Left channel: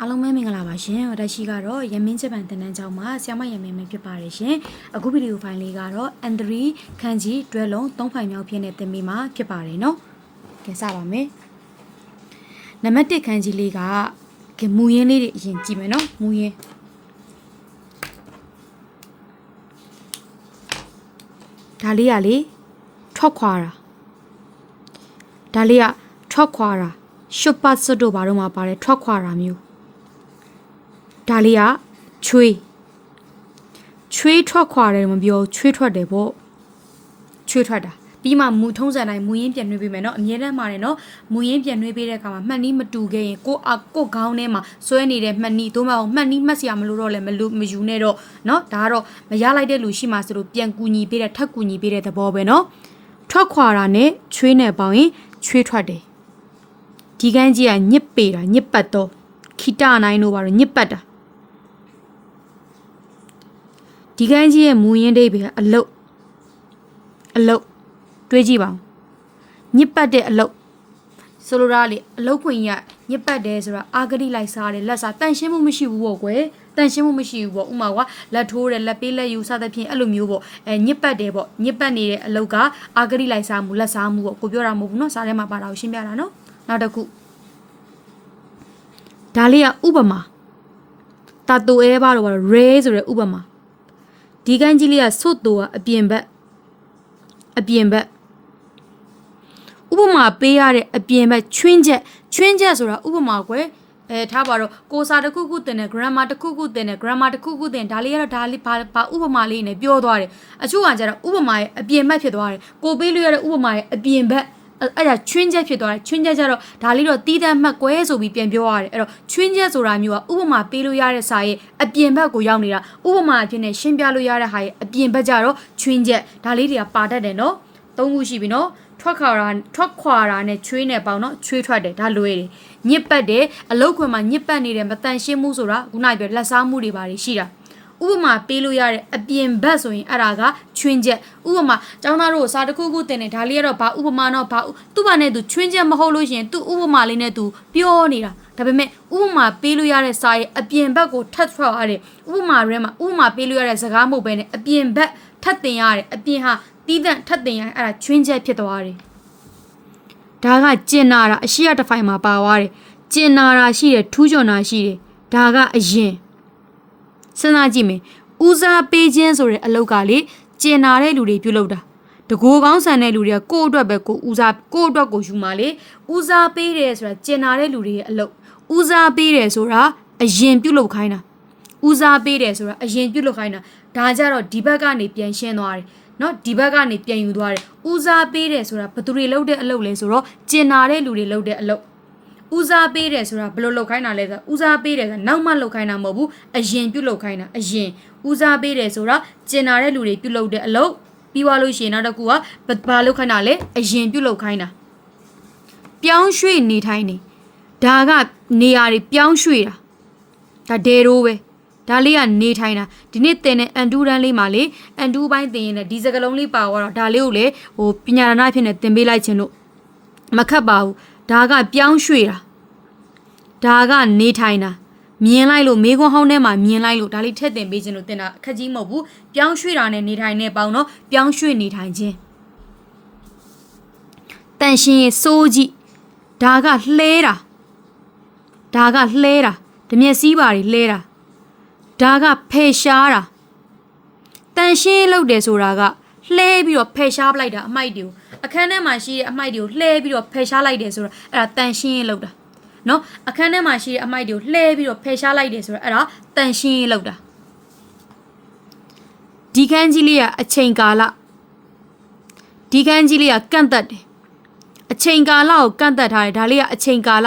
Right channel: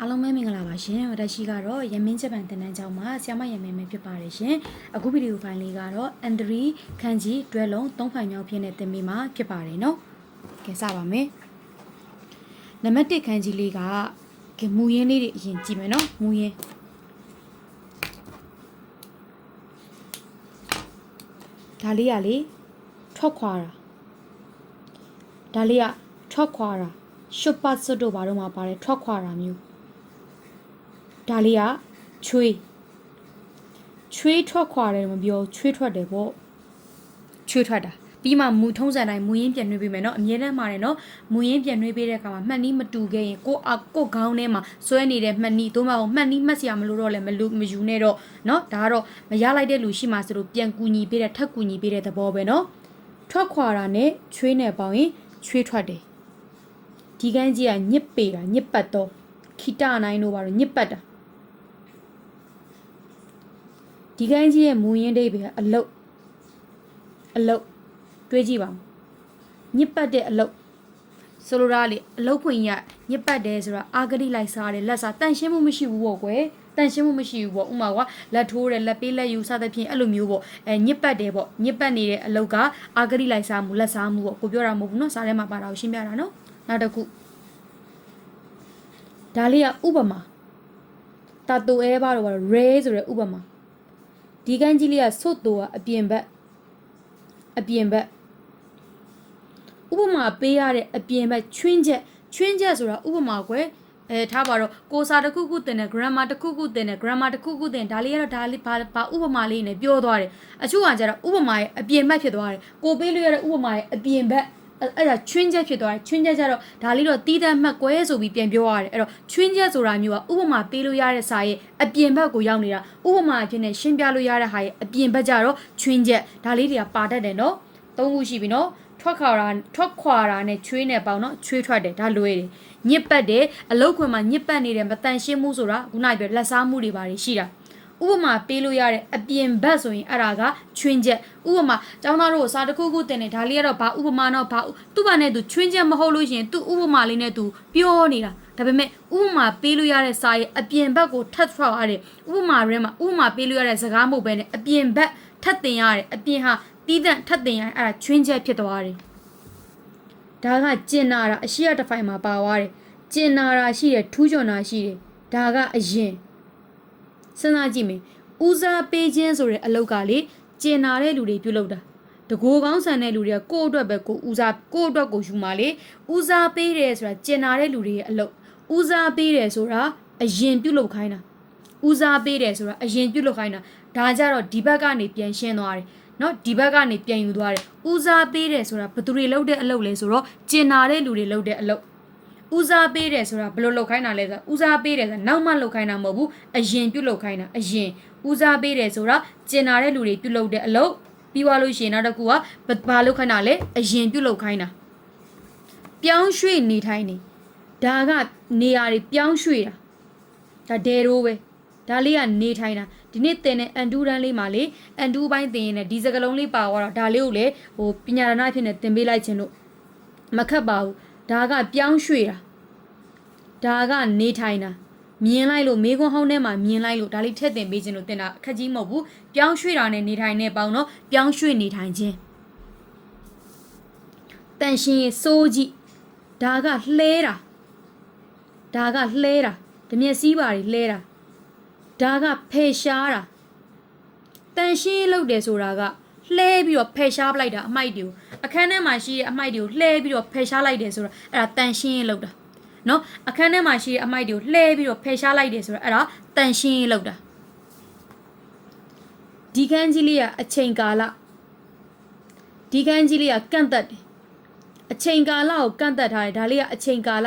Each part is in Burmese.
အားလုံးပဲမင်္ဂလာပါရှင်။ဒါရှိကတော့ရမင်းချက်ပန်တန်တန်းကျောင်းမှာဆ iam မရမင်းပဲဖြစ်ပါတယ်ရှင်။အခုဗီဒီယိုဖိုင်လေးကတော့ Andri ခန်းကြီးတွဲလုံး၃ဖိုင်မြောက်ဖြစ်တဲ့သင်ပေးမှာဖြစ်ပါတယ်နော်။ကဲစပါမယ်။နံပါတ်1ခန်းကြီးလေးကကဲမူရင်းလေးတွေအရင်ကြည့်မယ်နော်။မူရင်းဒါလေးကလေထွက်ခွာတာဒါလေးကထွက်ခွာတာရှုပ်ပတ်စွတ်တို့ဘာတော့မှပါတယ်ထွက်ခွာတာမျိုး ဒါလေးကချွေးချွေးထွက်ခွာတယ်မပြောချွေးထွက်တယ်ပေါ့ချွေးထွက်တာပြီးမှမူထုံးစံတိုင်းမူရင်းပြန်နှွေးပေးမယ်နော်အမြဲတမ်းမှာတယ်နော်မူရင်းပြန်နှွေးပေးတဲ့အခါမှာမှတ်နီးမတူခဲ့ရင်ကိုအကိုခေါင်းထဲမှာဆွဲနေတဲ့မှတ်နီးသို့မဟုတ်မှတ်နီးမှတ်စရာမလိုတော့လည်းမလူမယူနဲ့တော့နော်ဒါကတော့မရလိုက်တဲ့လူရှိမှဆိုလို့ပြန်ကူညီပေးတဲ့ထပ်ကူညီပေးတဲ့သဘောပဲနော်ထွက်ခွာတာနဲ့ချွေးနဲ့ပေါင်းရင်ချွေးထွက်တယ်ဒီကန်းကြီးကညစ်ပေတာညစ်ပတ်တော့ခိတနိုင်တို့ပါတော့ညစ်ပတ်တာ ဒီကိုင်းကြီးရဲ့မူရင်းဒိဗေကအလုတ်အလုတ်တွေးကြည့်ပါဦးညစ်ပတ်တဲ့အလုတ်ဆိုလိုတာလေအလုတ်ခွင်ရညစ်ပတ်တယ်ဆိုတာအာဂတိလိုက်စားတယ်လက်စားတန်ရှင်းမှုမရှိဘူးပေါ့ကွယ်တန်ရှင်းမှုမရှိဘူးပေါ့ဥမာကလက်ထိုးတယ်လက်ပေးလက်ယူစသဖြင့်အဲ့လိုမျိုးပေါ့အဲညစ်ပတ်တယ်ပေါ့ညစ်ပတ်နေတဲ့အလုတ်ကအာဂတိလိုက်စားမှုလက်စားမှုပေါ့ကိုပြောတာမဟုတ်ဘူးနော်စားထဲမှာပါတာကိုရှင်းပြတာနော်နောက်တစ်ခုဒါလေးကဥပမာတာတူအဲပါတော့ ray ဆိုတဲ့ဥပမာ ဒီကန်းကြီးလေးကဆွတ်တူကအပြင်ဘက်အပြင်ဘက်ဥပမာပေးရတဲ့အပြင်ဘက်ချွင်းချက်ချွင်းချက်ဆိုတာဥပမာကွယ်အဲထားပါတော့ကိုစာတစ်ခုခုတင်တယ် grammar တစ်ခုခုတင်တယ် grammar တစ်ခုခုတင်ဒါလေးကတော့ဒါလေးဘာဘာဥပမာလေးနဲ့ပြောသွားတယ်အချို့ကကျတော့ဥပမာရဲ့အပြင်ဘက်ဖြစ်သွားတယ်ကိုပေးလို့ရတဲ့ဥပမာရဲ့အပြင်ဘက် အဲ့ဒါချွင်းချက်ဖြစ်သွားတယ်ချွင်းချက်ကျတော့ဒါလေးတော့တီးတတ်မှတ်ကွဲဆိုပြီးပြန်ပြောရတယ်အဲ့တော့ချွင်းချက်ဆိုတာမျိုးကဥပမာပေးလို့ရတဲ့စာရဲ့အပြင်ဘက်ကိုရောက်နေတာဥပမာအဖြစ်နဲ့ရှင်းပြလို့ရတဲ့ဟာရဲ့အပြင်ဘက်ကျတော့ချွင်းချက်ဒါလေးတွေကပါတတ်တယ်နော်သုံးခုရှိပြီနော်ထွက်ခွာတာထွက်ခွာတာနဲ့ချွေးနဲ့ပေါင်းနော်ချွေးထွက်တယ်ဒါလွဲတယ်ညစ်ပတ်တယ်အလုတ်ခွင်မှာညစ်ပတ်နေတဲ့မတန်ရှင်းမှုဆိုတာခုနကပြောလက်စားမှုတွေပါရှိတာ ဥပမာပေးလို့ရတဲ့အပြင်ဘက်ဆိုရင်အဲ့ဒါကချွင်းချက်ဥပမာကျောင်းသားတို့စာတစ်ခုခုတင်နေဒါလေးကတော့ဘာဥပမာတော့ဘာသူ့ဘာနဲ့သူချွင်းချက်မဟုတ်လို့ရှိရင်သူ့ဥပမာလေးနဲ့သူပြောနေတာဒါပေမဲ့ဥပမာပေးလို့ရတဲ့စာရဲ့အပြင်ဘက်ကိုထပ်ထွက်ရတဲ့ဥပမာရဲမှာဥပမာပေးလို့ရတဲ့စကားမဟုတ်ဘဲနဲ့အပြင်ဘက်ထပ်တင်ရတယ်အပြင်ဟာတီးတန့်ထပ်တင်ရအဲ့ဒါချွင်းချက်ဖြစ်သွားတယ်ဒါကကျင်နာတာအရှိရတစ်ဖိုင်မှာပါသွားတယ်ကျင်နာတာရှိတယ်ထူးချွန်တာရှိတယ်ဒါကအရင် စဉ်းစားကြည့်မယ်ဦးစားပေးခြင်းဆိုတဲ့အလုပ်ကလေကျင်နာတဲ့လူတွေပြုလုပ်တာတကိုယ်ကောင်းဆန်တဲ့လူတွေကကိုယ့်အတွက်ပဲကိုဦးစားကိုယ့်အတွက်ကိုယူมาလေဦးစားပေးတယ်ဆိုတာကျင်နာတဲ့လူတွေရဲ့အလုပ်ဦးစားပေးတယ်ဆိုတာအရင်ပြုလုပ်ခိုင်းတာဦးစားပေးတယ်ဆိုတာအရင်ပြုလုပ်ခိုင်းတာဒါကြတော့ဒီဘက်ကနေပြန်ရှင်းသွားတယ်နော်ဒီဘက်ကနေပြန်ယူသွားတယ်ဦးစားပေးတယ်ဆိုတာဘယ်သူတွေလုပ်တဲ့အလုပ်လဲဆိုတော့ကျင်နာတဲ့လူတွေလုပ်တဲ့အလုပ် ဦးစားပေးတယ်ဆိုတာဘယ်လိုလုပ်ခိုင်းတာလဲဆိုတော့ဦးစားပေးတယ်ဆိုတာနောက်မှလုပ်ခိုင်းတာမဟုတ်ဘူးအရင်ပြုလုပ်ခိုင်းတာအရင်ဦးစားပေးတယ်ဆိုတာကျင်နာတဲ့လူတွေပြုလုပ်တဲ့အလုပ်ပြီးသွားလို့ရှိရင်နောက်တစ်ခုကဘာလုပ်ခိုင်းတာလဲအရင်ပြုလုပ်ခိုင်းတာပြောင်းရွှေ့နေထိုင်နေဒါကနေရာတွေပြောင်းရွှေ့တာဒါဒေရိုးပဲဒါလေးကနေထိုင်တာဒီနေ့သင်တဲ့အန်တူရန်လေးမှာလေအန်တူပိုင်းသင်ရင်လည်းဒီစကလုံးလေးပါသွားတော့ဒါလေးကိုလေဟိုပညာရဏအဖြစ်နဲ့သင်ပေးလိုက်ခြင်းလို့မခတ်ပါဘူး ဒါကပြောင်းရွှေ့တာဒါကနေထိုင်တာမြင်လိုက်လို့မေခွန်းဟောင်းထဲမှာမြင်လိုက်လို့ဒါလေးထည့်တင်ပေးခြင်းလို့တင်တာအခက်ကြီးမဟုတ်ဘူးပြောင်းရွှေ့တာနဲ့နေထိုင်နေပေါင်းတော့ပြောင်းရွှေ့နေထိုင်ခြင်းတန်ရှင်ရဲ့စိုးကြည့်ဒါကလှဲတာဒါကလှဲတာဓမျက်စည်းပါတွေလှဲတာဒါကဖယ်ရှားတာတန်ရှင်းလုပ်တယ်ဆိုတာက လှဲပြီးတော့ဖယ်ရှားပလိုက်တာအမိုက်တွေကိုအခန်းထဲမှာရှိတဲ့အမိုက်တွေကိုလှဲပြီးတော့ဖယ်ရှားလိုက်တယ်ဆိုတာအဲ့ဒါတန်ရှင်းလုပ်တာနော်အခန်းထဲမှာရှိတဲ့အမိုက်တွေကိုလှဲပြီးတော့ဖယ်ရှားလိုက်တယ်ဆိုတာအဲ့ဒါတန်ရှင်းလုပ်တာဒီခန်းကြီးလေးကအချိန်ကာလဒီခန်းကြီးလေးကကန့်သက်တယ်အချိန်ကာလကိုကန့်သက်ထားတယ်ဒါလေးကအချိန်ကာလ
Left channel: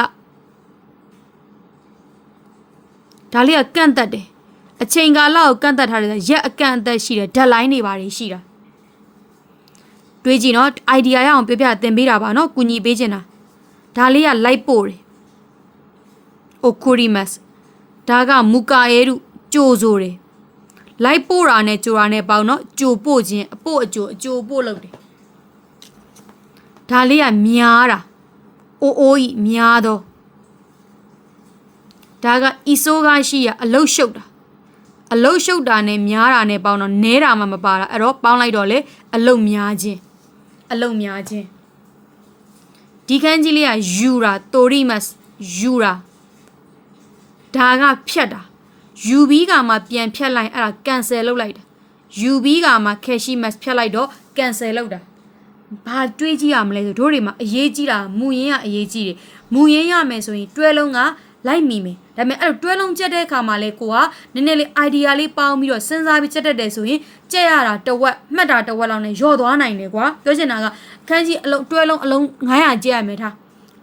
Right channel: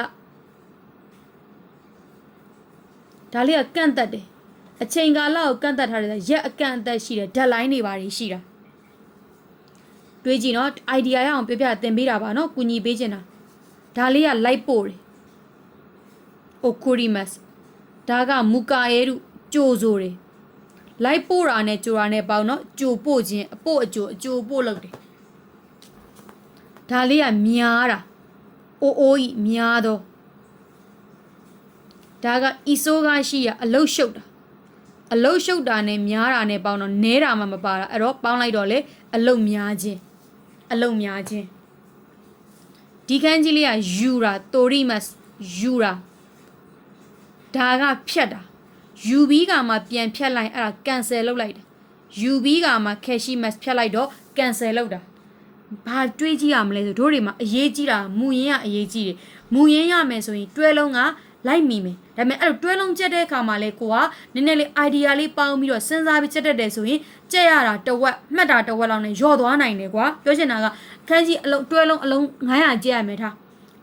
ဒါလေးကကန့်သက်တယ်အချိန်ကာလကိုကန့်သက်ထားတဲ့ရက်အကန့်အသက်ရှိတယ်ဓာတ်လိုင်းတွေပါတယ်ရှိတာ တွေးကြည့်နော် idea ရအောင်ပြပြသင်ပေးတာပါနော်ကူညီပေးချင်တာဒါလေးကလိုက်ပို့တယ် okurimas ဒါကမူကာရဲတို့ကြိုဆိုတယ်လိုက်ပို့တာနဲ့ကြိုတာနဲ့ပေါင်းနော်ကြိုပို့ခြင်းအပို့အကြိုအကြိုပို့လုပ်တယ်ဒါလေးကများတာအိုးအိုးကြီးများတော့ဒါကအီဆိုးကားရှိရအလုတ်ရှုပ်တာအလုတ်ရှုပ်တာနဲ့များတာနဲ့ပေါင်းတော့နဲတာမှမပါတာအဲ့တော့ပေါင်းလိုက်တော့လေအလုတ်များခြင်း အလုတ်များခြင်းဒီခန်းကြီးလေးကယူရာတိုရီမတ်ယူရာဒါကဖြတ်တာယူပြီးကမှပြန်ဖြတ်လိုက်အဲ့ဒါကန်ဆယ်လုပ်လိုက်တာယူပြီးကမှကက်ရှိမတ်ဖြတ်လိုက်တော့ကန်ဆယ်လုပ်တာဘာတွေးကြည့်ရမလဲဆိုတို့တွေမှာအရေးကြီးတာမူရင်းကအရေးကြီးတယ်မူရင်းရမယ်ဆိုရင်တွဲလုံးကလိုက်မိမယ် ဒါပေမဲ့အဲ့လိုတွဲလုံးကြက်တဲ့အခါမှာလဲကိုကနည်းနည်းလေး idea လေးပေါင်းပြီးတော့စဉ်းစားပြီးကြက်တတ်တယ်ဆိုရင်ကြက်ရတာတစ်ဝက်မှတ်တာတစ်ဝက်လောက်နဲ့ယော့သွားနိုင်တယ်ကွာပြောချင်တာကခန်းကြီးအလုံးတွဲလုံးအလုံး900ကြက်ရမယ်ထား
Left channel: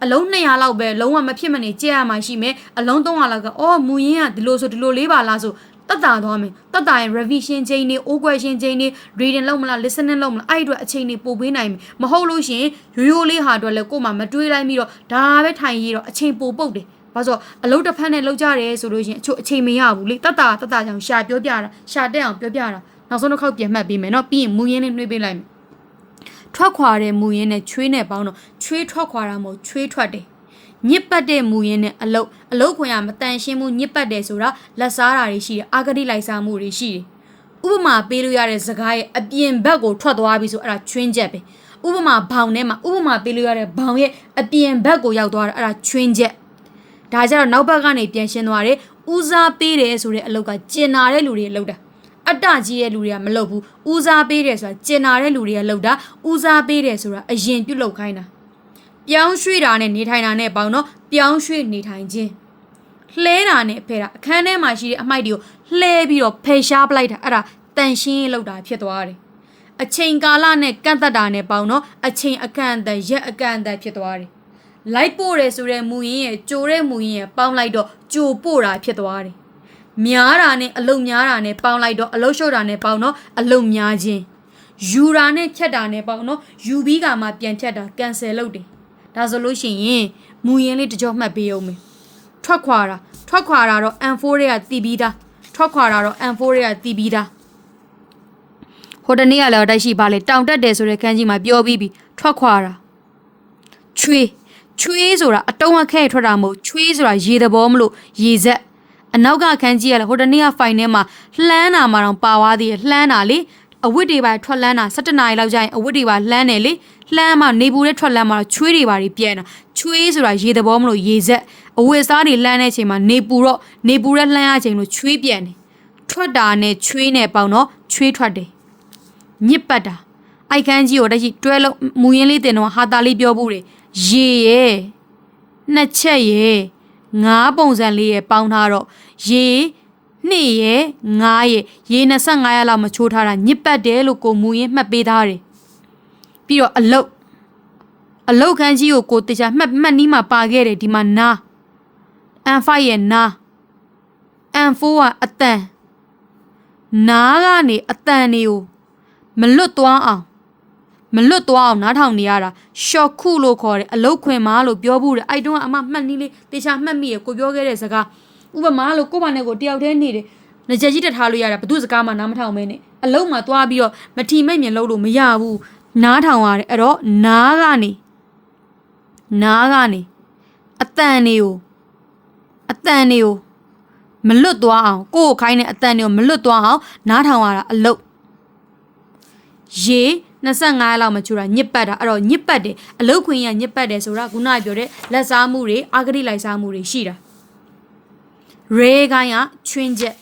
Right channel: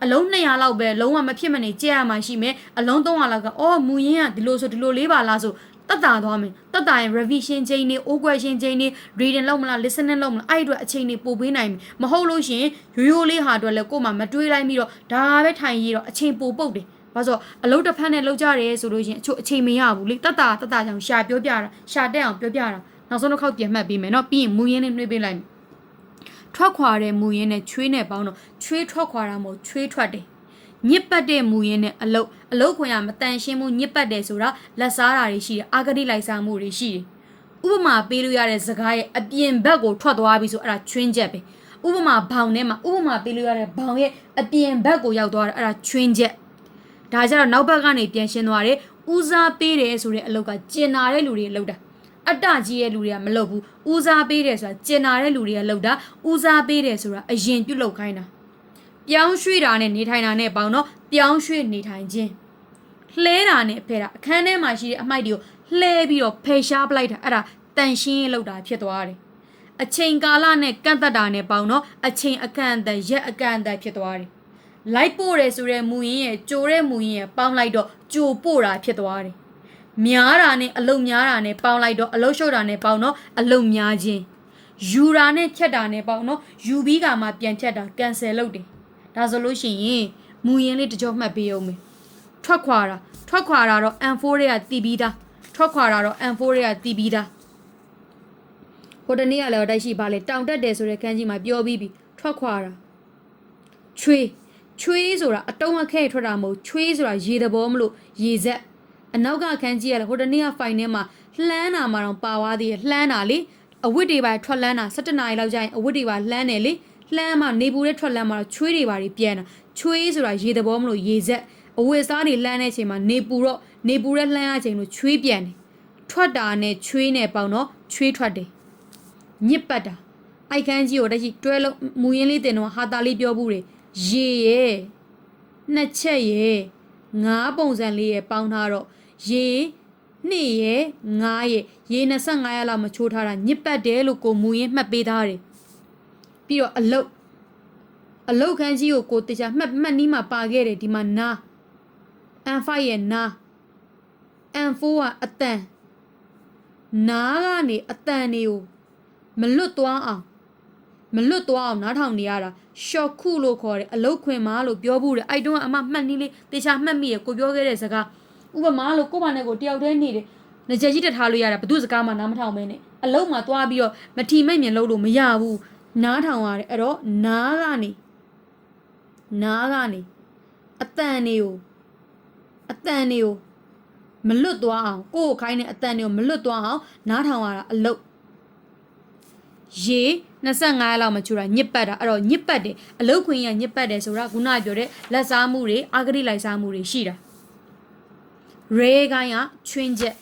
အလုံး200လောက်ပဲလုံးဝမဖြစ်မနေကြက်ရမှာရှိမယ်အလုံး300လောက်ကအော်မူရင်းကဒီလိုဆိုဒီလိုလေးပါလားဆိုတက်တာသွားမယ်တက်တာရင် revision ချိန်နေ o question ချိန်နေ reading လုပ်မလား listening လုပ်မလားအဲ့အတွက်အချိန်နေပို့ပေးနိုင်မယ်မဟုတ်လို့ရှိရင်ရိုးရိုးလေးဟာအတွက်လည်းကို့မှာမတွေးလိုက်ပြီးတော့ဒါပဲထိုင်ရတော့အချိန်ပိုပုတ်တယ် ဘာလို့အလုပ်တစ်ဖက်နဲ့လောက်ကြတယ်ဆိုလို့ရှိရင်အချို့အချိန်မရဘူးလေတက်တာတက်တာကြောင့်ရှာပြောပြတာရှာတက်အောင်ပြောပြတာနောက်ဆုံးတစ်ခေါက်ပြန်မှတ်ပေးမယ်เนาะပြီးရင်မူရင်းနဲ့နှွေးပေးလိုက်မယ်ထွက်ခွာတဲ့မူရင်းနဲ့ချွေးနဲ့ပေါင်းတော့ချွေးထွက်ခွာတာမဟုတ်ချွေးထွက်တယ်ညစ်ပတ်တဲ့မူရင်းနဲ့အလုတ်အလုတ်ခွင်ရမတန်ရှင်းမှုညစ်ပတ်တယ်ဆိုတာလက်စားတာတွေရှိတယ်အာဂတိလိုက်စားမှုတွေရှိတယ်ဥပမာပေးလို့ရတဲ့စကားရဲ့အပြင်ဘက်ကိုထွက်သွားပြီဆိုအဲ့ဒါချွင်းချက်ပဲဥပမာဘောင်ထဲမှာဥပမာပေးလို့ရတဲ့ဘောင်ရဲ့အပြင်ဘက်ကိုရောက်သွားတာအဲ့ဒါချွင်းချက် ဒါကြတော့နောက်ဘက်ကနေပြန်ရှင်းသွားတယ်ဦးစားပေးတယ်ဆိုတဲ့အလုတ်ကကျင်နာတဲ့လူတွေအလုတ်တာအတ္တကြီးတဲ့လူတွေကမလုပ်ဘူးဦးစားပေးတယ်ဆိုတာကျင်နာတဲ့လူတွေကလုပ်တာဦးစားပေးတယ်ဆိုတာအရင်ပြုတ်လုပ်ခိုင်းတာပြောင်းရွှေ့တာနဲ့နေထိုင်တာနဲ့ပေါင်းတော့ပြောင်းရွှေ့နေထိုင်ခြင်းလှဲတာနဲ့ဖဲတာအခန်းထဲမှာရှိတဲ့အမိုက်တွေကိုလှဲပြီးတော့ဖယ်ရှားပလိုက်တာအဲ့ဒါတန်ရှင်းရေးလုပ်တာဖြစ်သွားတယ်အချိန်ကာလနဲ့ကန့်သက်တာနဲ့ပေါင်းတော့အချိန်အကန့်အသတ်ရက်အကန့်အသတ်ဖြစ်သွားတယ် လိုက်ပို့တယ်ဆိုတဲ့မူရင်းရဲ့ကြိုတဲ့မူရင်းရဲ့ပေါင်းလိုက်တော့ကြိုပို့တာဖြစ်သွားတယ်များတာနဲ့အလုံများတာနဲ့ပေါင်းလိုက်တော့အလုံရှုပ်တာနဲ့ပေါင်းတော့အလုံများခြင်းယူတာနဲ့ဖြတ်တာနဲ့ပေါင်းတော့ယူပြီးကမှပြန်ဖြတ်တာကန်ဆယ်လုပ်တယ်ဒါဆိုလို့ရှိရင်မူရင်းလေးတစ်ကြောမှတ်ပေးအောင်မယ်ထွက်ခွာတာထွက်ခွာတာတော့ M4 တွေကတည်ပြီးသားထွက်ခွာတာတော့ M4 တွေကတည်ပြီးသားဟိုတနေ့ကလည်းတိုက်ရှိပါလေတောင်တက်တယ်ဆိုတဲ့ခန်းကြီးမှာပြောပြီးပြီထွက်ခွာတာချွေး ချွေးဆိုတာအတုံးအခဲထွက်တာမဟုတ်ချွေးဆိုတာရေသဘောမလို့ရေဆက်အနောက်ကခန်းကြီးကလည်းဟိုတနေ့ကဖိုင်ထဲမှာလှမ်းတာမှတော့ပါသွားသေးတယ်လှမ်းတာလေအဝတ်တွေပါထွက်လန်းတာ17နာရီလောက်ကျရင်အဝတ်တွေပါလှမ်းတယ်လေလှမ်းမှနေပူတဲ့ထွက်လန်းမှတော့ချွေးတွေပါတွေပြဲတာချွေးဆိုတာရေသဘောမလို့ရေဆက်အဝတ်စားတွေလှမ်းတဲ့အချိန်မှာနေပူတော့နေပူတဲ့လှမ်းအချိန်လို့ချွေးပြန်တယ်ထွက်တာနဲ့ချွေးနဲ့ပေါင်းတော့ချွေးထွက်တယ်ညစ်ပတ်တာအိုက်ခန်းကြီးကိုတရှိတွဲလုံးမူရင်းလေးတင်တော့ဟာတာလေးပြောဘူးတယ် ရေရဲ့နှစ်ချက်ရဲ့ငါးပုံစံလေးရဲ့ပေါင်းထားတော့ရေနှစ်ရဲ့ငါးရဲ့ရေ25ရက်လောက်မချိုးထားတာညစ်ပတ်တယ်လို့ကိုမူရင်းမှတ်ပေးထားတယ်ပြီးတော့အလုတ်အလုတ်ခန်းကြီးကိုကိုတခြားမှတ်မှတ်နီးမှာပါခဲ့တယ်ဒီမှာနာ N5 ရဲ့နာ N4 ကအတန်နာကနေအတန်တွေကိုမလွတ်သွားအောင် မလွတ်သွားအောင်နားထောင်နေရတာရှော့ခုလို့ခေါ်တယ်အလုတ်ခွင်မာလို့ပြောဘူးတယ်အဲ့တုန်းကအမမှတ်နည်းလေးတေချာမှတ်မိရကိုပြောခဲ့တဲ့စကားဥပမာလို့ကို့ဘာနဲ့ကိုတယောက်တည်းနေတယ်ငကြက်ကြီးတက်ထားလို့ရတာဘသူစကားမှနားမထောင်မဲနဲ့အလုတ်မှာသွားပြီးတော့မထီမဲ့မြင်လို့လို့မရဘူးနားထောင်ရတယ်အဲ့တော့နားကနေနားကနေအတန်တွေကိုအတန်တွေကိုမလွတ်သွားအောင်ကိုယ့်ကိုခိုင်းတဲ့အတန်တွေကိုမလွတ်သွားအောင်နားထောင်ရတာအလုတ်ရေ25လောက်မချူတာညစ်ပတ်တာအဲ့တော့ညစ်ပတ်တယ်အလုတ်ခွင်ရညစ်ပတ်တယ်ဆိုတာခုနကပြောတဲ့လက်စားမှုတွေအာဂတိလိုက်စားမှုတွေရှိတာရေကိုင်းကချွင်းချက်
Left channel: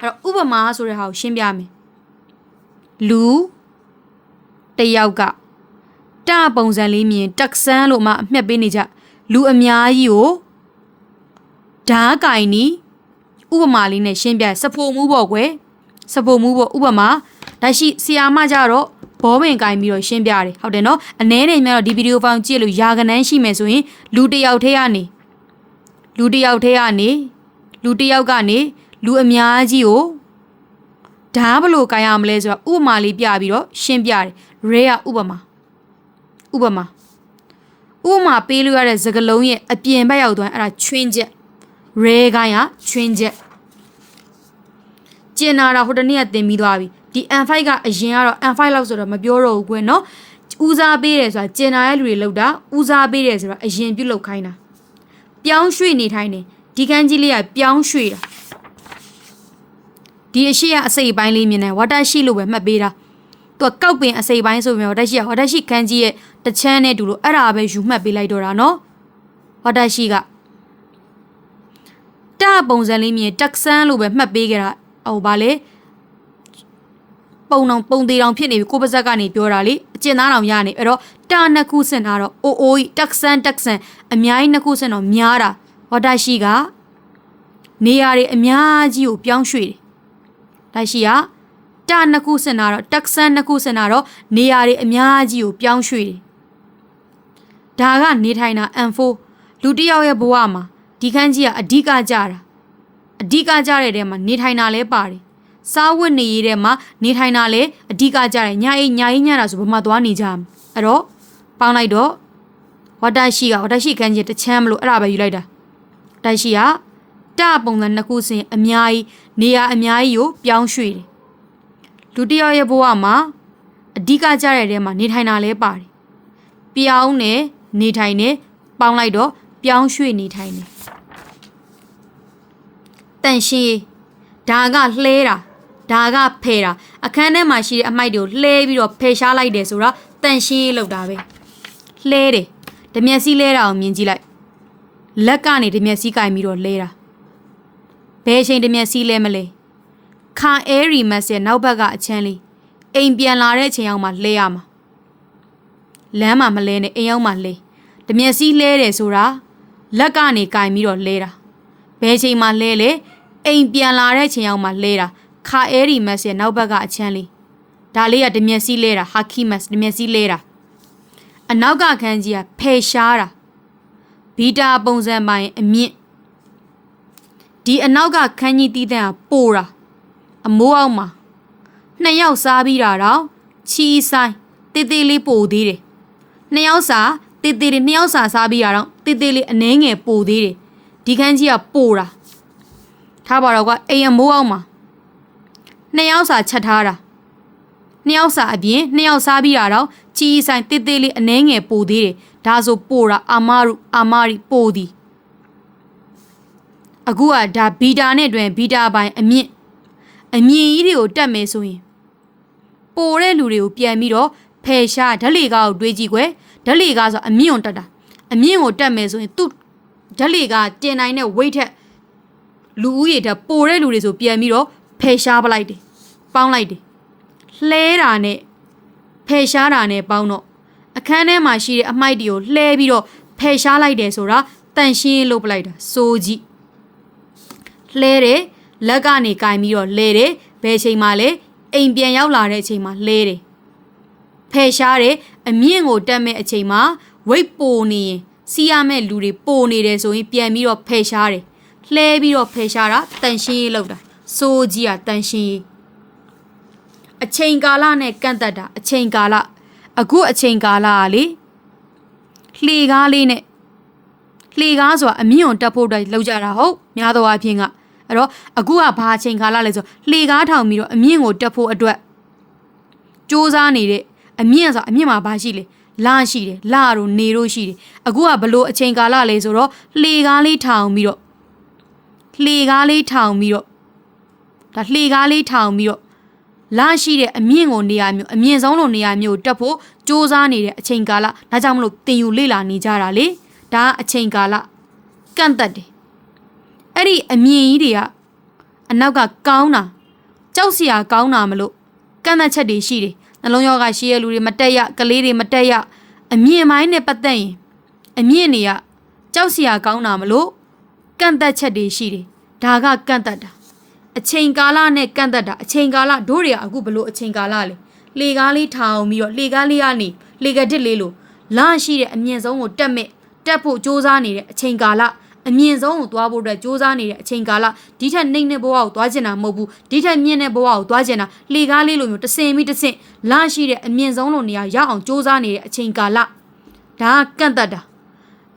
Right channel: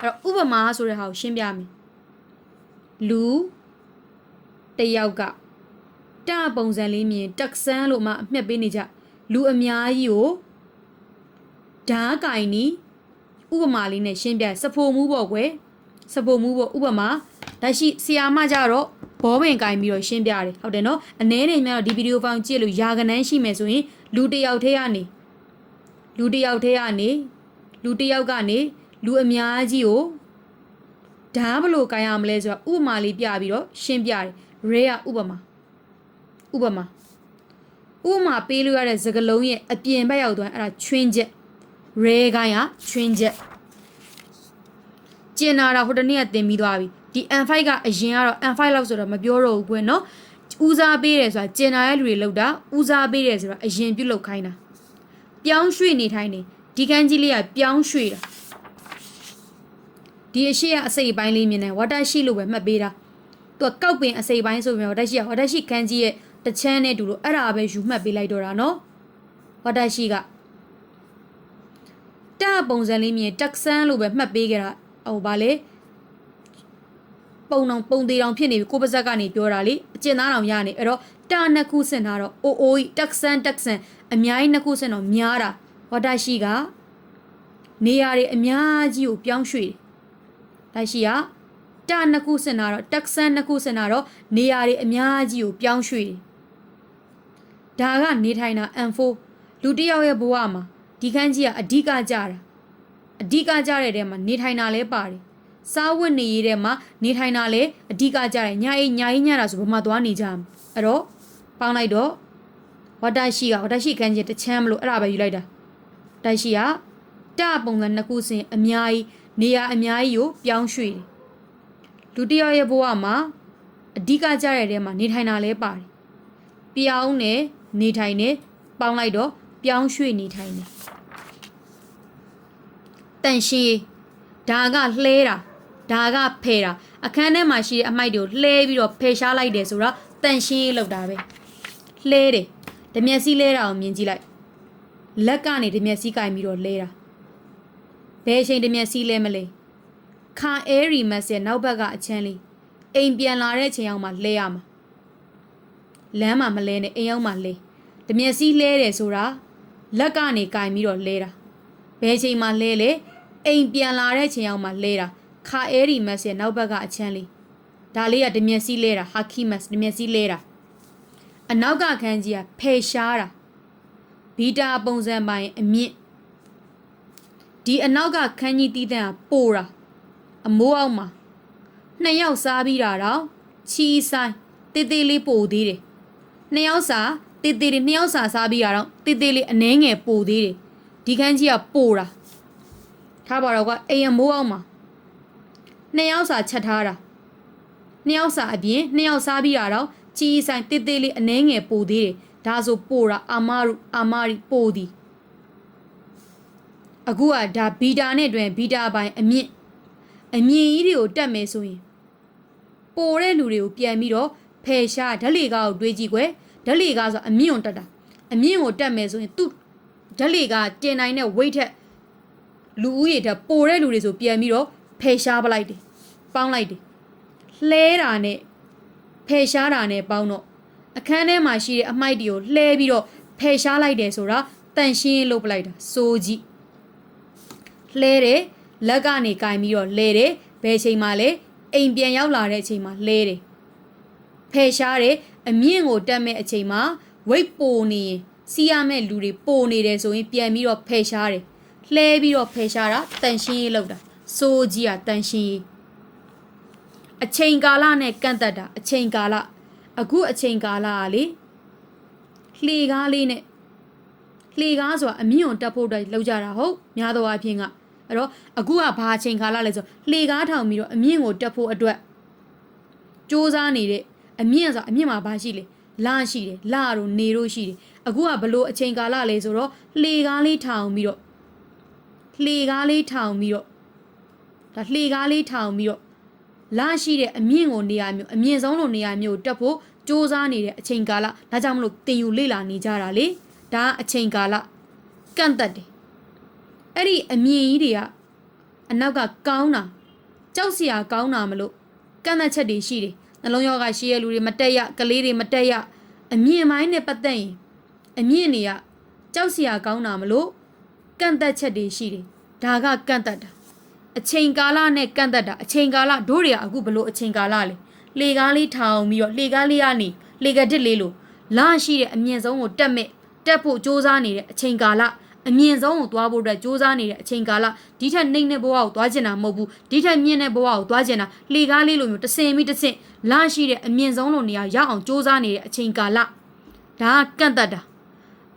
အဲ့တော့ဥပမာဆိုတဲ့ဟာကိုရှင်းပြမယ်လူတယောက်ကတပုံစံလေးမြင်တက်ဆန်းလို့မှအမှတ်ပေးနေကြလူအများကြီးကိုဓားကင်နီဥပမာလေးနဲ့ရှင်းပြစဖိုမှုပေါ့ကွယ်စဖိုမှုပေါ့ဥပမာဒါရှိဆီယာမကြတော့ ဘောပင်ကင်ပြီးတော့ရှင်းပြတယ်ဟုတ်တယ်နော်အ ਨੇ နေမြတော့ဒီဗီဒီယိုဖောင်ကြည့်လို့ယာကနန်းရှိမယ်ဆိုရင်လူတစ်ယောက်ထဲကနေလူတစ်ယောက်ထဲကနေလူတစ်ယောက်ကနေလူအများကြီးကိုဓားဘလို့ကင်ရမလဲဆိုတော့ဥပမာလေးပြပြီးတော့ရှင်းပြတယ်ရဲကဥပမာဥပမာဥပမာပေးလို့ရတဲ့စကလုံးရဲ့အပြင်ဘက်ရောက်သွားအဲ့ဒါချွင်းချက်ရဲကရချွင်းချက်ကျင်နာတာဟိုတနေ့ကတင်ပြီးသွားပြီ ဒီ N5 ကအရင်ကတော့ N5 လောက်ဆိုတော့မပြောတော့ဘူးကွနော်ဦးစားပေးတယ်ဆိုတာကျင်နာရဲ့လူတွေလောက်တာဦးစားပေးတယ်ဆိုတာအရင်ပြုတ်လောက်ခိုင်းတာပြောင်းရွှေ့နေထိုင်တယ်ဒဒီကန်းကြီးလေးကပြောင်းရွှေ့တာဒီအရှိကအစိပ်ပိုင်းလေးမြင်တယ်ဝါတာရှိလို့ပဲမှတ်ပေးတာသူကကောက်ပင်အစိပ်ပိုင်းဆိုပြီးတော့ဝါတာရှိကဝါတာရှိခန်းကြီးရဲ့တစ်ချမ်းနဲ့တူလို့အဲ့ဒါပဲယူမှတ်ပေးလိုက်တော့တာနော်ဝါတာရှိကတပုံစံလေးမြင်တက်ဆန်းလို့ပဲမှတ်ပေးကြတာဟိုဗာလေ ပုံအောင်ပုံသေးတောင်ဖြစ်နေပြီကိုပါဇက်ကနေပြောတာလေအကျဉ်းသားတောင်ရနေအဲ့တော့တာနှစ်ခုစင်တာတော့အိုအိုကြီးတက်ဆန်းတက်ဆန်းအများကြီးနှစ်ခုစင်တော့များတာဝါတာရှိကနေရာတွေအများကြီးကိုပြောင်းရွှေ့တယ်ဒါရှိကတာနှစ်ခုစင်တာတော့တက်ဆန်းနှစ်ခုစင်တာတော့နေရာတွေအများကြီးကိုပြောင်းရွှေ့တယ်ဒါကနေထိုင်တာ M4 လူတစ်ယောက်ရဲ့ဘဝမှာဒီခန်းကြီးကအဓိကကြတာအဓိကကြတဲ့တဲမှာနေထိုင်တာလဲပါတယ် စားဝတ်နေရေးထဲမှာနေထိုင်တာလဲအဓိကကြတယ်ညာအိညာအိညာတာဆိုဘာမှသွားနေကြမှာအဲ့တော့ပေါင်းလိုက်တော့ဝတ္တရှိကဝတ္တရှိခန်းကြီးတစ်ချမ်းမလို့အဲ့ဒါပဲယူလိုက်တာတိုက်ရှိကတပုံစံနှစ်ခုစင်အများကြီးနေရာအများကြီးကိုပြောင်းရွှေ့တယ်လူတစ်ယောက်ရဲ့ဘဝမှာအဓိကကြတဲ့တဲမှာနေထိုင်တာလဲပါတယ်ပြောင်းနေနေထိုင်နေပေါင်းလိုက်တော့ပြောင်းရွှေ့နေထိုင်နေတန်ရှင်းဒါကလှဲတာ ဒါကဖယ်တာအခန်းထဲမှာရှိတဲ့အမိုက်တွေကိုလှဲပြီးတော့ဖယ်ရှားလိုက်တယ်ဆိုတော့တန်ရှင်းလောက်တာပဲလှဲတယ်ဓမျက်စီးလဲတာကိုမြင်ကြည့်လိုက်လက်ကနေဓမျက်စီးကင်ပြီးတော့လဲတာဘယ်ချိန်ဓမျက်စီးလဲမလဲခါအဲရီမတ်ရဲ့နောက်ဘက်ကအချမ်းလေးအိမ်ပြန်လာတဲ့အချိန်အောင်မှလဲရမှာလမ်းမှာမလဲနဲ့အိမ်အောင်မှလဲဓမျက်စီးလဲတယ်ဆိုတာလက်ကနေကင်ပြီးတော့လဲတာဘယ်ချိန်မှလဲလဲအိမ်ပြန်လာတဲ့အချိန်အောင်မှလဲတာ ခါအဲရီမတ်ရဲ့နောက်ဘက်ကအချမ်းလေးဒါလေးကဓမျက်စီးလဲတာဟာခီမတ်ဓမျက်စီးလဲတာအနောက်ကခန်းကြီးကဖယ်ရှားတာဘီတာပုံစံပိုင်းအမြင့်ဒီအနောက်ကခန်းကြီးတီးတဲ့ကပိုတာအမိုးအောက်မှာနှစ်ယောက်စားပြီးတာတော့ချီဆိုင်တေးသေးလေးပိုသေးတယ်နှစ်ယောက်စားတေးသေးလေးနှစ်ယောက်စားစားပြီးတာတော့တေးသေးလေးအနှဲငယ်ပိုသေးတယ်ဒီခန်းကြီးကပိုတာထားပါတော့ကအိမ်အမိုးအောက်မှာ နှစ်ယောက်စားချက်ထားတာနှစ်ယောက်စားအပြင်နှစ်ယောက်စားပြီးတာတော့ချီဆိုင်တေးသေးလေးအနှဲငယ်ပိုသေးတယ်ဒါဆိုပိုတာအာမရုအာမရီပိုသည်အခုကဒါဘီတာနဲ့တွင်ဘီတာပိုင်းအမြင့်အမြင့်ကြီးတွေကိုတက်မယ်ဆိုရင်ပိုတဲ့လူတွေကိုပြန်ပြီးတော့ဖယ်ရှားဓလေကားကိုတွေးကြည့်ကွယ်ဓလေကားဆိုအမြင့်ကိုတက်တာအမြင့်ကိုတက်မယ်ဆိုရင်သူ့ဓလေကားတင်နိုင်တဲ့ weight ထက်လူဦးရေထက်ပိုတဲ့လူတွေဆိုပြန်ပြီးတော့ဖယ်ရှားပလိုက်တယ် ပေါင်းလိုက်တယ်လှဲတာနဲ့ဖယ်ရှားတာနဲ့ပေါင်းတော့အခန်းထဲမှာရှိတဲ့အမိုက်တွေကိုလှဲပြီးတော့ဖယ်ရှားလိုက်တယ်ဆိုတာတန်ရှင်းလုပ်ပလိုက်တာစိုးကြည့်လှဲတယ်လက်ကနေကင်ပြီးတော့လဲတယ်ဘယ်ချိန်မှလဲအိမ်ပြန်ရောက်လာတဲ့အချိန်မှာလဲတယ်ဖယ်ရှားတယ်အမြင့်ကိုတက်မဲ့အချိန်မှာဝိတ်ပိုနေရင်စီးရမဲ့လူတွေပိုနေတယ်ဆိုရင်ပြန်ပြီးတော့ဖယ်ရှားတယ်လှဲပြီးတော့ဖယ်ရှားတာတန်ရှင်းရေးလုပ်တာစိုးကြီးอ่ะတန်ရှင်းရေး အချိန်ကာလနဲ့ကန့်သက်တာအချိန်ကာလအခုအချိန်ကာလကလေလှေကားလေးနဲ့လှေကားဆိုတာအမြင့်ကိုတက်ဖို့အတွက်လောက်ကြတာဟုတ်များသောအားဖြင့်ကအဲ့တော့အခုကဘာအချိန်ကာလလဲဆိုလှေကားထောင်ပြီးတော့အမြင့်ကိုတက်ဖို့အတွက်စူးစမ်းနေတဲ့အမြင့်ဆိုအမြင့်မှာဘာရှိလဲလာရှိတယ်လာတို့နေတို့ရှိတယ်အခုကဘလို့အချိန်ကာလလဲဆိုတော့လှေကားလေးထောင်ပြီးတော့လှေကားလေးထောင်ပြီးတော့ဒါလှေကားလေးထောင်ပြီးတော့ လာရှိတဲ့အမြင့်ကိုနေရာမျိုးအမြင့်ဆုံးလိုနေရာမျိုးတက်ဖို့စူးစမ်းနေတဲ့အချိန်ကာလဒါကြောင့်မလို့တင်ယူလေ့လာနေကြတာလေဒါအချိန်ကာလကန့်သက်တယ်အဲ့ဒီအမြင်ကြီးတွေကအနောက်ကကောင်းတာကြောက်စရာကောင်းတာမလို့ကန့်သက်ချက်တွေရှိတယ်နှလုံးရောဂါရှိရဲ့လူတွေမတက်ရကလေးတွေမတက်ရအမြင်ပိုင်းနဲ့ပတ်သက်ရင်အမြင့်တွေကကြောက်စရာကောင်းတာမလို့ကန့်သက်ချက်တွေရှိတယ်ဒါကကန့်သက်တာ အချိန်ကာလနဲ့ကန့်သက်တာအချိန်ကာလတို့တွေကအခုဘလို့အချိန်ကာလလေလေကားလေးထောင်ပြီးတော့လေကားလေးကနေလေကဒစ်လေးလို့လရှိတဲ့အမြင့်ဆုံးကိုတက်မဲ့တက်ဖို့စူးစမ်းနေတဲ့အချိန်ကာလအမြင့်ဆုံးကိုသွားဖို့အတွက်စူးစမ်းနေတဲ့အချိန်ကာလဒီထက်နှိမ့်တဲ့ဘဝကိုသွားကျင်တာမဟုတ်ဘူးဒီထက်မြင့်တဲ့ဘဝကိုသွားကျင်တာလေကားလေးလိုမျိုးတဆင်ပြီးတဆင်လရှိတဲ့အမြင့်ဆုံးလိုနေရာရောက်အောင်စူးစမ်းနေတဲ့အချိန်ကာလဒါကန့်သက်တာ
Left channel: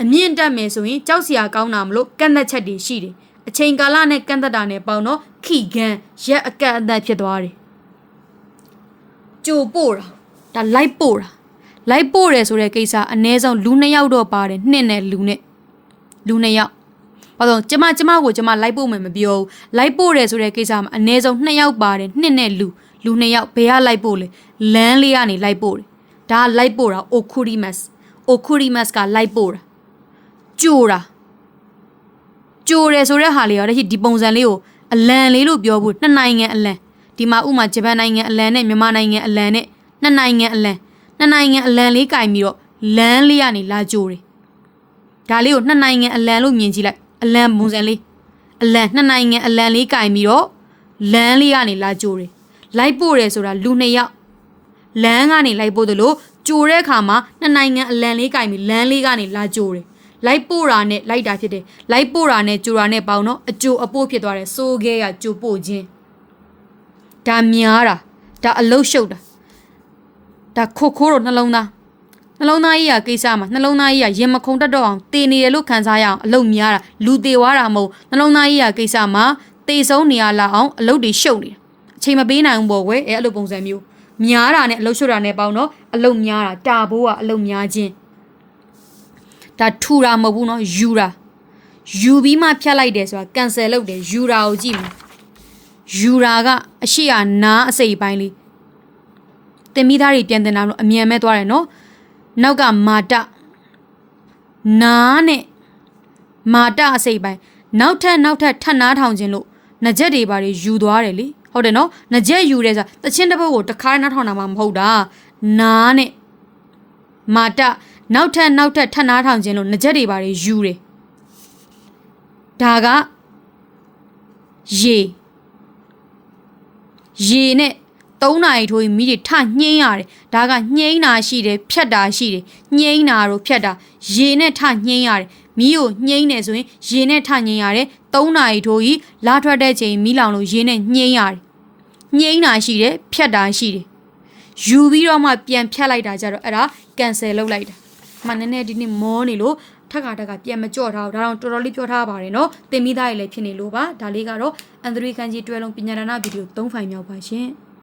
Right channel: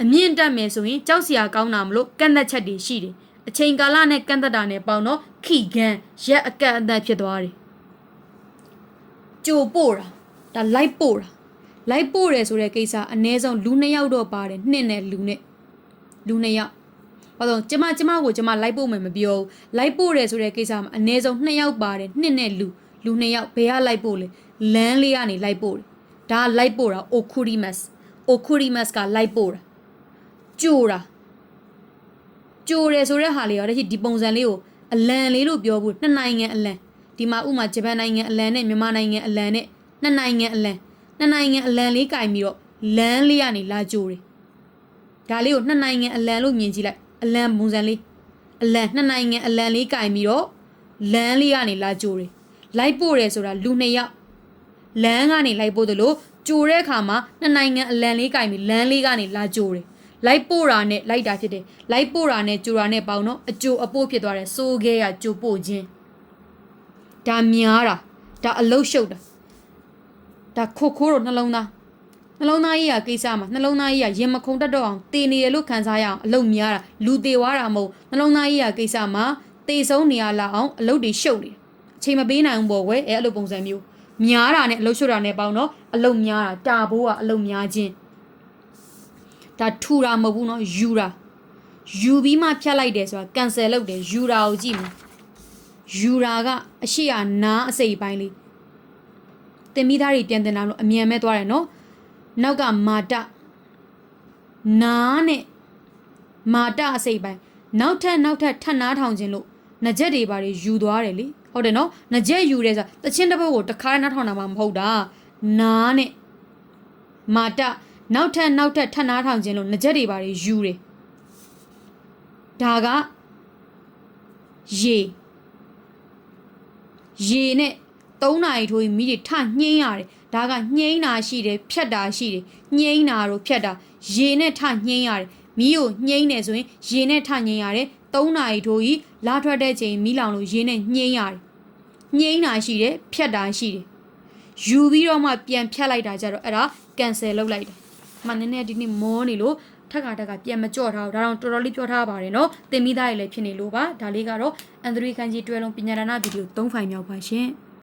အမြင့်တက်မယ်ဆိုရင်ကြောက်စရာကောင်းတာမလို့ကန့်သက်ချက်တွေရှိတယ်အချိန်ကာလနဲ့ကန့်သက်တာနဲ့ပေါင်းတော့ ခိကန်ရက်အကန့်အသတ်ဖြစ်သွားတယ်ကြိုပို့တာဒါလိုက်ပို့တာလိုက်ပို့တယ်ဆိုတဲ့ကိစ္စအ ਨੇ ဆုံးလူနှစ်ယောက်တော့ပါတယ်နှစ်နဲ့လူနဲ့လူနှစ်ယောက်ဘာလို့ကျမကျမကိုကျမလိုက်ပို့မယ်မပြောဘူးလိုက်ပို့တယ်ဆိုတဲ့ကိစ္စမှာအနည်းဆုံး2ယောက်ပါတယ်နှစ်နဲ့လူလူ2ယောက်ဘယ်ကလိုက်ပို့လဲလမ်းလေးကနေလိုက်ပို့တယ်ဒါကလိုက်ပို့တာ okurimas okurimas ကလိုက်ပို့တာကြိုတာကြိုတယ်ဆိုတဲ့ဟာလေးရောတချိဒီပုံစံလေးကို အလံလေးလို့ပြောဖို့နှစ်နိုင်ငံအလံဒီမှာဥမာဂျပန်နိုင်ငံအလံနဲ့မြန်မာနိုင်ငံအလံနဲ့နှစ်နိုင်ငံအလံနှစ်နိုင်ငံအလံလေးကင်ပြီးတော့လမ်းလေးကနေလာကြိုတယ်ဒါလေးကိုနှစ်နိုင်ငံအလံလို့မြင်ကြည့်လိုက်အလံပုံစံလေးအလံနှစ်နိုင်ငံအလံလေးကင်ပြီးတော့လမ်းလေးကနေလာကြိုတယ်လိုက်ပို့တယ်ဆိုတာလူနှစ်ယောက်လမ်းကနေလိုက်ပို့တယ်လို့ကြိုတဲ့အခါမှာနှစ်နိုင်ငံအလံလေးကင်ပြီးလမ်းလေးကနေလာကြိုတယ် လိုက်ပို့တာနဲ့လိုက်တာဖြစ်တယ်လိုက်ပို့တာနဲ့ကြိုတာနဲ့ပေါင်းတော့အကြိုအပို့ဖြစ်သွားတယ်စိုးခဲကကြိုပို့ခြင်းဒါများတာဒါအလုတ်ရှုပ်တာဒါခိုခိုးတော့နှလုံးသားနှလုံးသားကြီးကကိစ္စမှာနှလုံးသားကြီးကရင်မခုန်တတ်တော့အောင်တည်နေတယ်လို့ခံစားရအောင်အလုပ်များတာလူတည်သွားတာမဟုတ်နှလုံးသားကြီးကကိစ္စမှာတည်ဆုံးနေရလာအောင်အလုပ်တွေရှုပ်နေတာအချိန်မပေးနိုင်ဘူးပေါ့ကွယ်အဲအဲ့လိုပုံစံမျိုးများတာနဲ့အလုပ်ရှုပ်တာနဲ့ပေါင်းတော့အလုပ်များတာတာဘိုးကအလုပ်များခြင်း ဒါထူတာမဟုတ်ဘူးနော်ယူတာယူပြီးမှဖြတ်လိုက်တယ်ဆိုတာ cancel လုပ်တယ်ယူတာကိုကြည့်မယ်ယူတာကအရှိရနားအစိပ်ပိုင်းလေးတင်မိသားတွေပြန်တင်တာလို့အမြန်မဲ့သွားတယ်နော်နောက်ကမာတနားနဲ့မာတအစိပ်ပိုင်းနောက်ထပ်နောက်ထပ်ထပ်နားထောင်ခြင်းလို့နကြက်တွေပါတွေယူသွားတယ်လေဟုတ်တယ်နော်နကြက်ယူတယ်ဆိုတာတချင်းတစ်ပုတ်ကိုတစ်ခါနားထောင်တာမှမဟုတ်တာနားနဲ့မာတ နောက်ထပ်နောက်ထပ်ထပ်နားထောင်ခြင်းလို့နှကြက်တွေပါတွေယူတယ်ဒါကရေရေနဲ့၃နာရီထိုးပြီးမိတွေထညှင်းရတယ်ဒါကညှိန်းတာရှိတယ်ဖြတ်တာရှိတယ်ညှိန်းတာတို့ဖြတ်တာရေနဲ့ထညှင်းရတယ်မီးကိုညှိန်းတယ်ဆိုရင်ရေနဲ့ထညှင်းရတယ်၃နာရီထိုးပြီးလာထွက်တဲ့ချိန်မီးလောင်လို့ရေနဲ့ညှိန်းရတယ်ညှိန်းတာရှိတယ်ဖြတ်တာရှိတယ်ယူပြီးတော့မှပြန်ဖြတ်လိုက်တာကြတော့အဲ့ဒါ cancel လုပ်လိုက်တာ မှနည်းနည်းဒီနေ့မောနေလို့ထက်ကထက်ကပြန်မကြော့ထားဘူးဒါတော့တော်တော်လေးပြောထားပါတယ်နော်တင်မိသားရေလည်းဖြစ်နေလို့ပါဒါလေးကတော့အန်ဒရီကန်ကြီးတွဲလုံးပညာဒါနဗီဒီယို၃ဖိုင်မြောက်ပါရှင်